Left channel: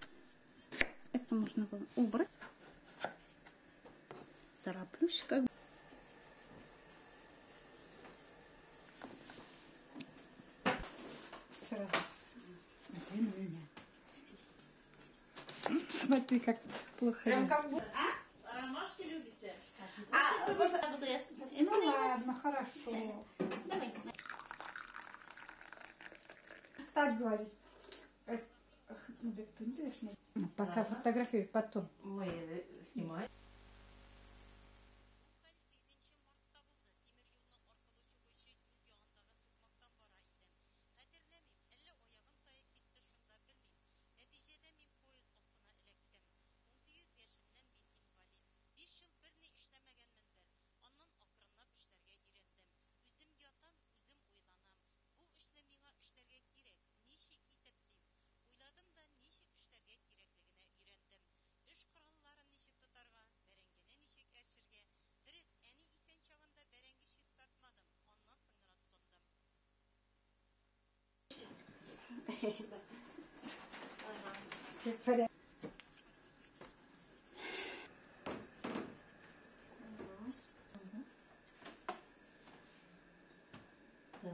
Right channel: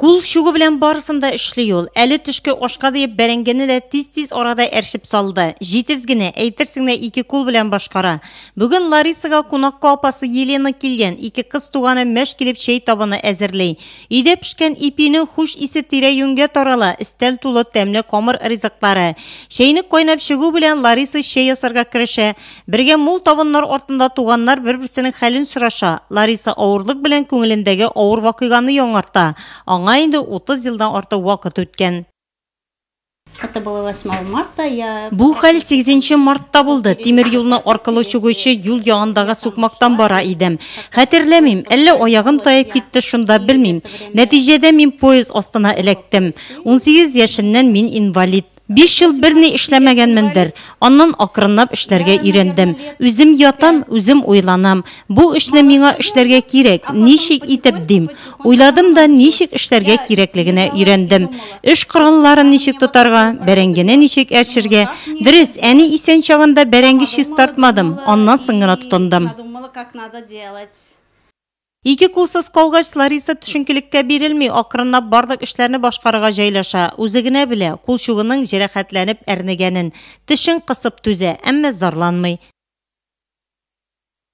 Кул шугы белән барысында эшли ул. Әле төшке ашка диеп бәрәңгене дә тиз-тиз арада әршеп салды. Җитез генә, әйтерсең дә 2 кул белән башкара. Бүген Ларисага кунакка апасы Елена килгән. 2 кыз туганы мәш килеп чәй табыны әзерләй. Өйдә пешкән ипинең хуш исе тирә-юньгә тарала. Истәл тулы тәмле камыр ризыклары. Чәйне кайнап чыгу белән Лариса чәй ясарга керешә. Бергә мул табыннар артында туганнар бер-берсенең хәлен сораша. Лариса авырлык белән күңелендәге авыр вакыйганы яңарта. Инде 30 елдан артык вакыт үткән. Бу хәл 8 мартта булды. Тимер юлны аркылы чыгучы юл ягындагы сукмактан бара идем. Хәтерләмим, әллә аягым таеп китте, шунда белмим. Нәтиҗәдә мин поезд астына эләктем. 18 яшеннән мин инвалид. 5 ел берни эшләмәгәнмендер. Аннан акрынлап эшләргә өйрәндем. Үзем ятам, үзем уйланам. Бу эшне миңа эшләргә кирәк. Ничек итеп дим? Уйладым да ничек эшләргә кирәклегенә өйрәндем. Эш коралларын ничек тотарга, бәрәңгене ничек әршергә. Дөрес, әни исән чагында бәрәңге шис тартмадым. Аннан соң гына тотындым. 2 кулсыз калгач Лариса төшенкелеккә бирелми, акрынлап барлык эшләрне башкарырга җайлаша. Үзе генә белә, кул шугының җәрәхәтләнеп әрнегәнен. Тешен кысып түзә, әмма зарланмый.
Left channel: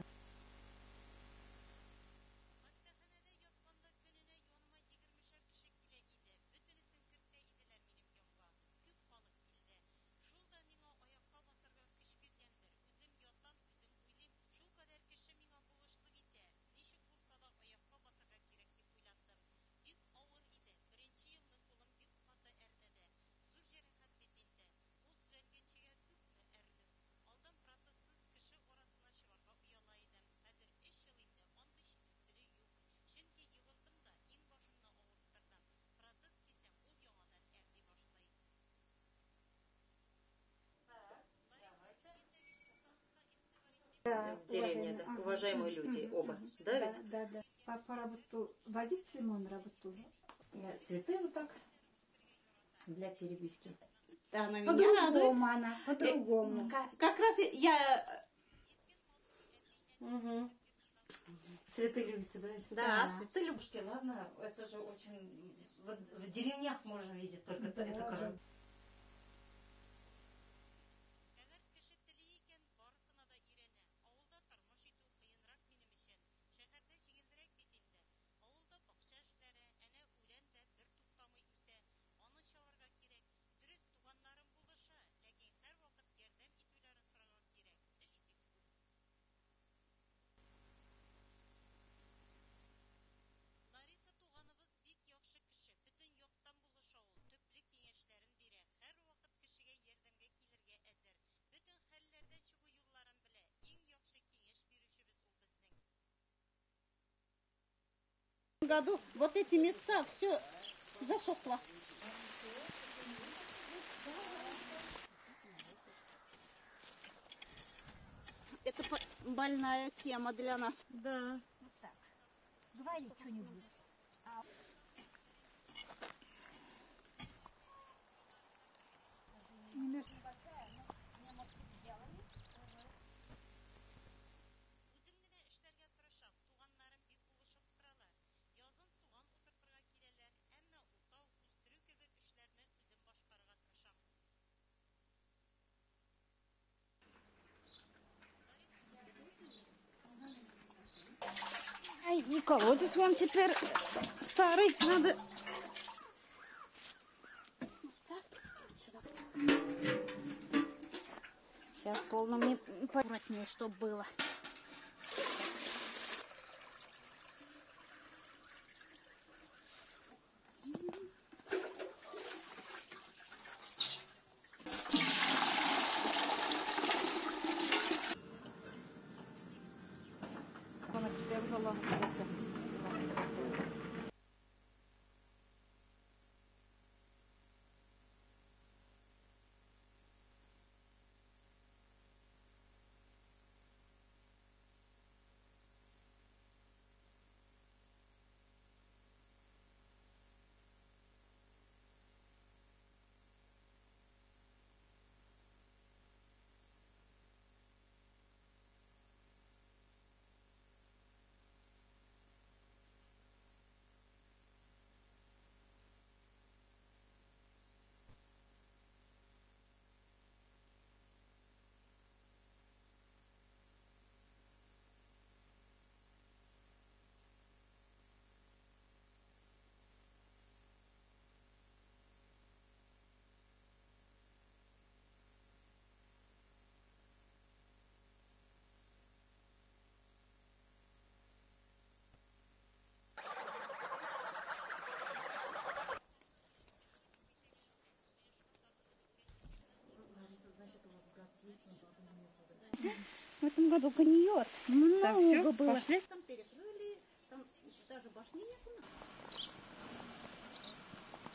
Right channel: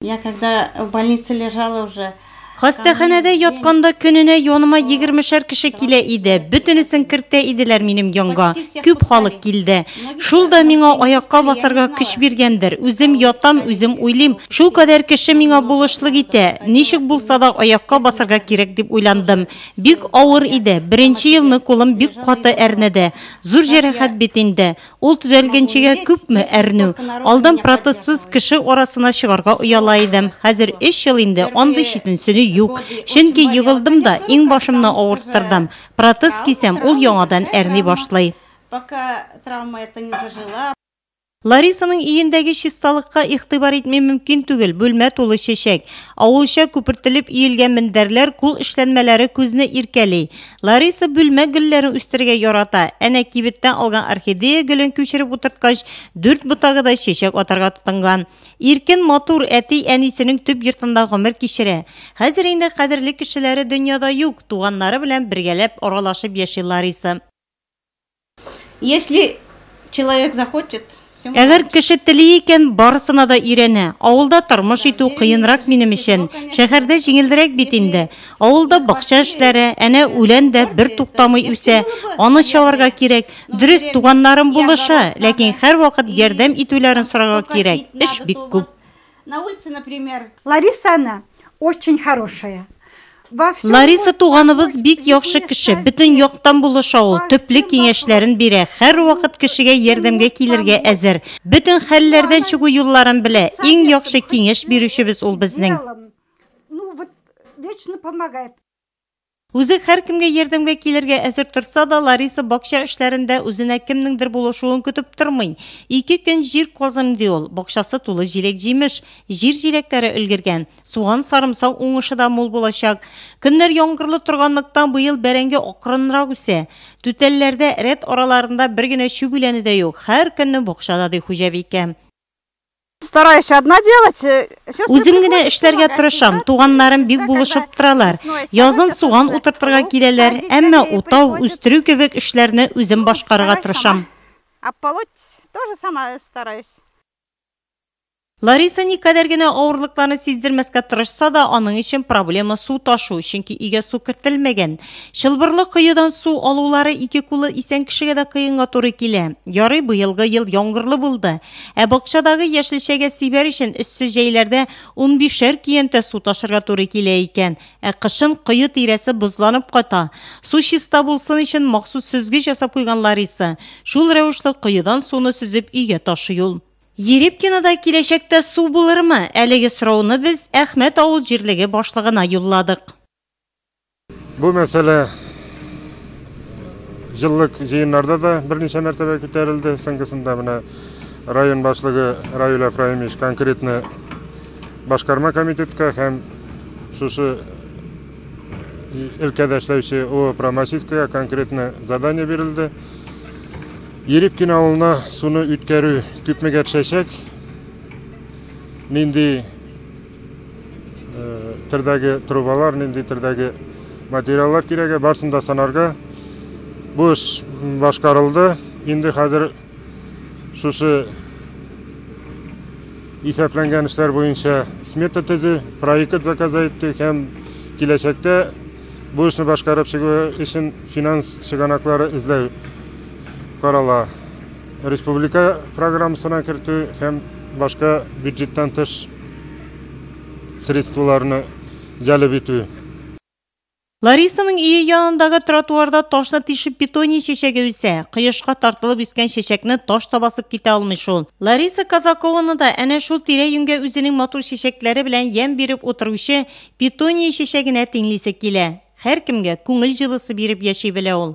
Я когда в больнице лежала уже Хастаханәдә ятканда көненә яныма 20 кеше килә иде. Бөтенесен кертә иделәр минем янга. Күп халык килде. Шул да миңа аякка басарга көч биргәндер. Үзем ятам, үзем уйлыйм. Шул кадәр кеше миңа булышлык итә. Ничек булса да аякка басарга кирәк дип уйландым. Бик авыр иде. 1нче елны кулым бик каты әрнәде. Зур җәрәхәт бит инде. Ул төзәлгәнчегә күпме әрнү. Алдан протезсыз кеше арасына чыгарга уяла идем. Хәзер 3 ел инде андый читенсене юк. Чөнки йыгылдым да иң башымны авырттырдым. Протез кисәм, ул яңадан әрни башлый. Пока травма это не зажила. Ларисаның өендәге чисталыкка игътибар итмәй мөмкин түгел. Бүлмә тулы чәчәк. Авылча күпертелеп иелгән мендәрләр, кул эшләнмәләре күзне иркәли. Лариса бүлмә гөлләрен үстергә ярата. Әнә кибеттән алган орхидея гөлен күчереп утырткач, 4 ботагыда чәчәк атарга тотынган. Иркен матур әти әнисенең төп йортында гомер кичерә. Хәзер инде кадерле кешеләре дөньяда юк. Туганнары белән бергәләп аралашып яши Лариса. Если человек захочет, Әгәр кеше тели икән, барысына да өйрәнә. Авылда тормыш итү кыенрак минем өчен. Шәһәрдә җиңелрәк бит инде. Авылда бакча эшләре, әнә үлән дә бер туктамый үсә. Аны чаварга кирәк. Дөрес, туганнарым булыша, ләкин һәр вакыт ярдәм итүләрен сорарга кирәк. Эш бик күп. На улице, например, Лариса, она очень хорошая. Лариса туганыбыз бик яхшы кеше, бөтен яктан булыша ул, төпле киңәшләрен бирә, һәр вакыт кешегә ярдәмгә килергә әзер. Бөтен хәлләрдән чыгу юлларын белә. Иң яхшы киңәш бирүчебез ул безнең. Вечно помогает. Үзе һәр кемгә ярдәмгә килергә әзер торса да, Лариса бакча эшләрендә үзенә кемнеңдер булышуын көтеп тормый. 2 көн җир казым ди ул. Бакчасы тулы җиләк-җимеш, җир җиләкләре өлгергән. Суган сарымсак уңышы да мул булачак. Көннәр яңгырлы торганлыктан быел бәрәңге акрынрак үсә. Түтәлләрдә рәт араларында бер генә чүбүләне дә юк. Һәр көнне бакчада ди хуҗабикә. Стараюсь одна делать. Үзем генә эшләргә тырышам. Туганнарым бик булышып торалар. Язын суган утыртырга киләләр, әмма утау, үстерү кебек эшләрне үзем башкарырга тырышам. А полоть тоже сама стараюсь. Лариса никадәр генә авырлыкларны сиздермәскә тырышса да, аның өчен проблема су ташу, чөнки өйгә су кертелмәгән. Чылбырлы кыюдан су алулары 2 кулы исән кешегә дә кыенга туры килә. Ярый, быелгы ел яңгырлы булды. Ә бакчадагы яшелчәгә сибәр өчен өссе җәйләрдә 15 көянтә су ташырга туры килә икән. Ә кышын кыю тирәсе бузланып кайта. Су чиста булсын өчен махсус сөзгеч ясап куйган Лариса. Шул рәвешле кыюдан суны сүзеп өйгә ташый ул. Ерепкинада киләчәктә су булырмы? Әлеге сорауны без Әхмәт авыл җирлеге башлыгына юлладык. Бу мәсьәлә җыллык җыеннарда да берничә мәртәбә күтәрелде. Соңгысында менә район башлыгы Равил Ефраимович конкретно башкарма комитетка һәм шушы өлкәдә эшләүче ООО Промасийская конкретно задание бирелде. Ерепкин авылына суны үткәрү күпмегә төшәчәк. Нинди түрдәге трубалар, нинди түрдәге материаллар кирәге, барсын да санарга. Бу эш башкарылды. Инде хәзер шушы исәпләнгән эшләр буенча смета төзү, проект заказа иттек һәм киләчәктә бу эшне башкарып чыгу өчен финанс чыганаклары эзләү карала. Республика программасына кертү һәм башка бюджеттан тыш средстваларны җәлеп итү. Ларисаның үйі янындагы тротуарда ташны тишеп питоний шешеге үсә. Кыйышка тартылып үскән шешекне таш табасып китә алмый шул. Лариса Казакованы да әнә шул тирә-юньгә үзенең матур шешекләре белән ям биреп утыручы питоний шешегенә тиңлисе килә. Һәркемгә күңел җылысы биреп яши белә ул.